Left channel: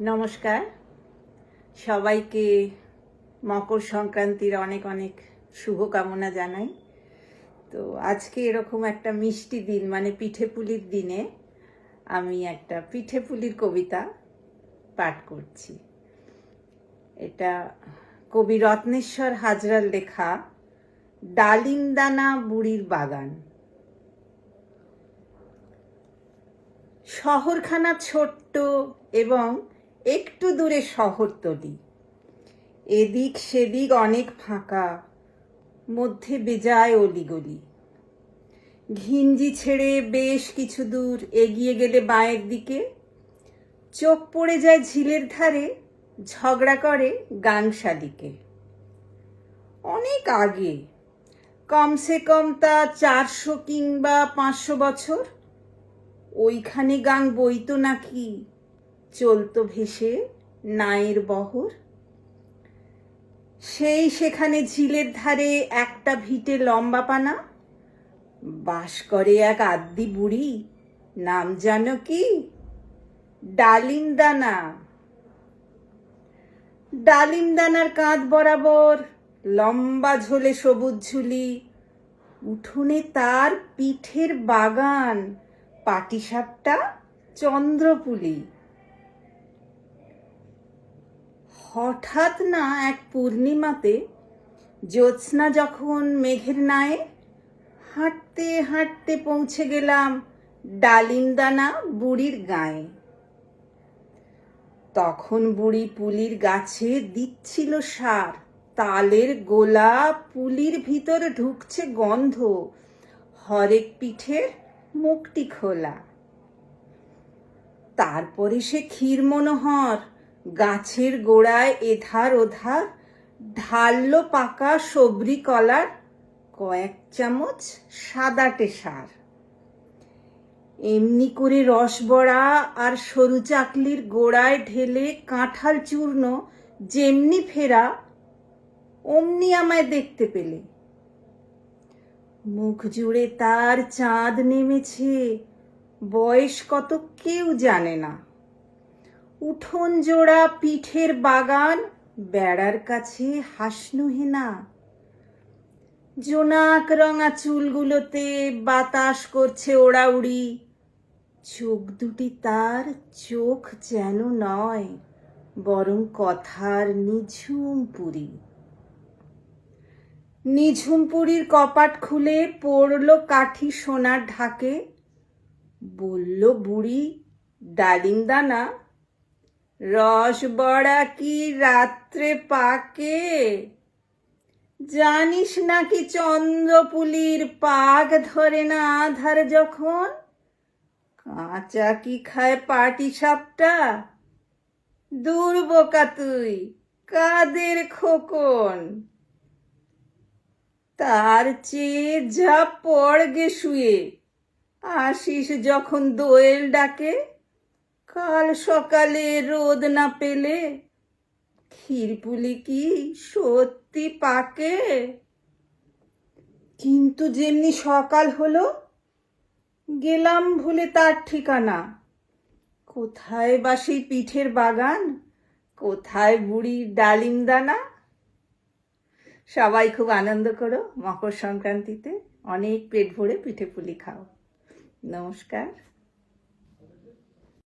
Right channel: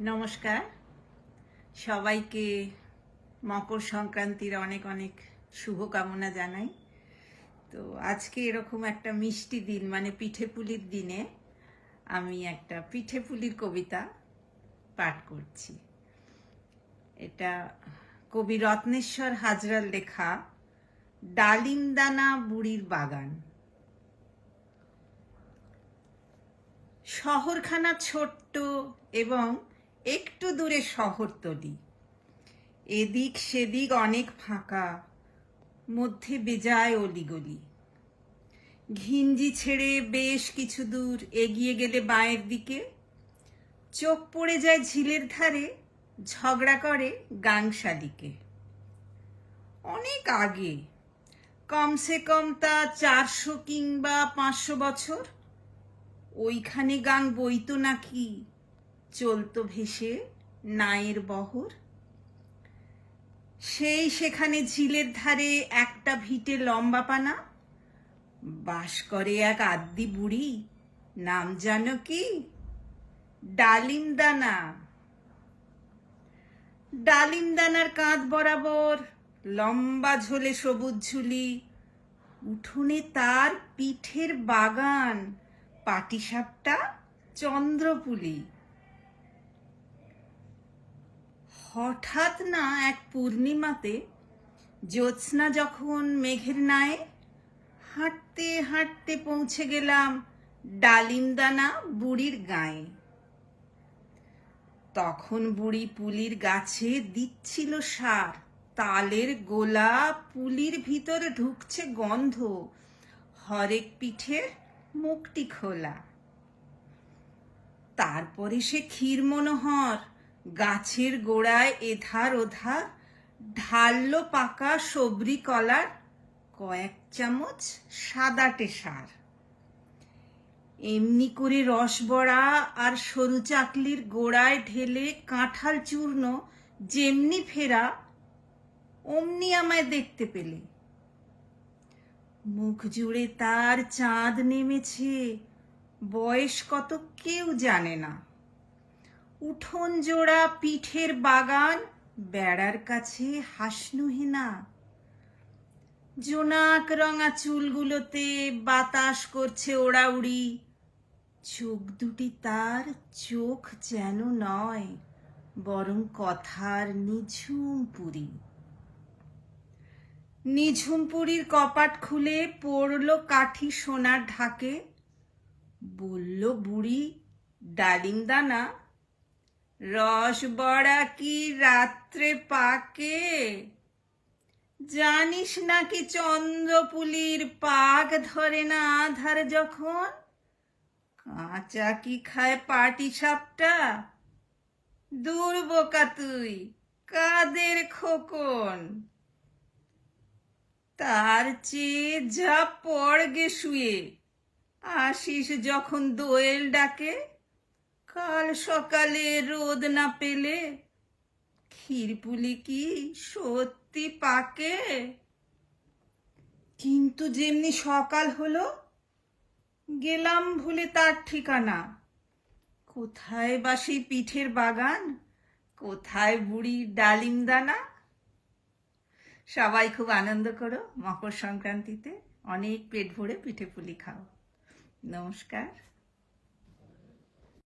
নমস্কার। সবাইকে মকর সংক্রান্তির অনেক অনেক শুভকামনা জানাই। তো আজকে এরকম একটা মিষ্টি দিন মানে পিঠে পুলির দিনে আমি একটা পিঠে পুলির কবিতা পাঠ করছি। এটা কবি রত্নেশ্বর হাজরার লেখা, ডালিমদানা বুড়ির বাগান। শহরখানা ছোট্ট এবং একটু দূরে শহরতলি এদিক সেদিক অনেক ফাঁকা, মধ্যে বেজায় অলিগলি। ঘিঞ্জি ছেড়ে বেশ কিছু দূর এগিয়ে গেলে বাঁয়ের দিকে। চোখ পড়ে যায় ঝিলের ধারে, ঝগড়া করে গাংশালিকে। অনেক আগে, কমসে কম তা চারশো কিংবা পাঁচশো বছর। ওইখানে গাং বইতো নাকি? চলতো ভেসে নায়ের বহর। সেই সেখানে ঝিলের ধারে একটা ভিটে লম্বা পানা। বাস করে এক আদ্দি বুড়ি, নাম জানো কি? ডালিম দানা ডালিম দানার কাঁধ বরাবর লম্বা ঝোলে সবুজ ঝুলি। উঠোনে তার পিঠের বাগান, পাটিসাপটা চন্দ্রপুলি। হঠাৎ না এক পূর্ণিমাতে জ্যোৎস্না যখন মেঘের নায়ে, হাঁটতে হাঁটতে পৌঁছে গেলাম ডালিমদানা বুড়ির গায়ে। তখন বুড়ি পুলির গাছে দিচ্ছিল সার, তালের গোলা পুলির ভিতর ঢুকছে গন্ধ, হরেক পিঠের মুখটি খোলা। তারপরে সে ক্ষীর মনোহর গাছের গোড়ায় এধার ওধার ঢাললো পাকা সবরি কলার কয়েক চামচ সাদাটে সার এমনি করে রসবড়া আর সরু চাকলির গোড়ায় ঢেলে কাঁঠাল চূর্ণ যেমনি ফেরা, অমনি আমায় দেখতে পেলে। মুখ জুড়ে তার চাঁদ নেমেছে, বয়স কত কেউ জানে না। উঠোন জোড়া পিঠের বাগান, বেড়ার কাছে হাসনুহেনা। জোনাক রঙা চুলগুলোতে বাতাস করছে ওড়াউড়ি। চোখ দুটি তার, চোখ যেন নয়, বরং কথার নিঝুম পুরী নিঝুমপুরীর কপাট খুলে পড়ল কাঠি সোনার ঢাকে। বলল, বুড়ি ডালিম দানা রস বড়া কি রাত্রে পাকে? জানিস নাকি চন্দ্রপুলির পাক ধরে না আধার যখন? কাঁচা কি খায় পাটি সাপটা? দূর বোকা তুই, কাদের খোকন? তার চেয়ে যা পড়গে শুয়ে, আসিস যখন দোয়েল ডাকে? কাল সকালে রোদ না পেলে ক্ষীরপুলি কি সত্যি পাকে? কিন্তু যেমনি সকাল হলো, গেলাম ভুলে তার ঠিকানা। কোথায় বা সেই পিঠের বাগান? কোথায় বুড়ির ডালিম দানা? সবাই খুব আনন্দ করো মকর সংক্রান্তিতে। অনেক পেট ভরে পিঠে পুলি খাও। নমস্কার।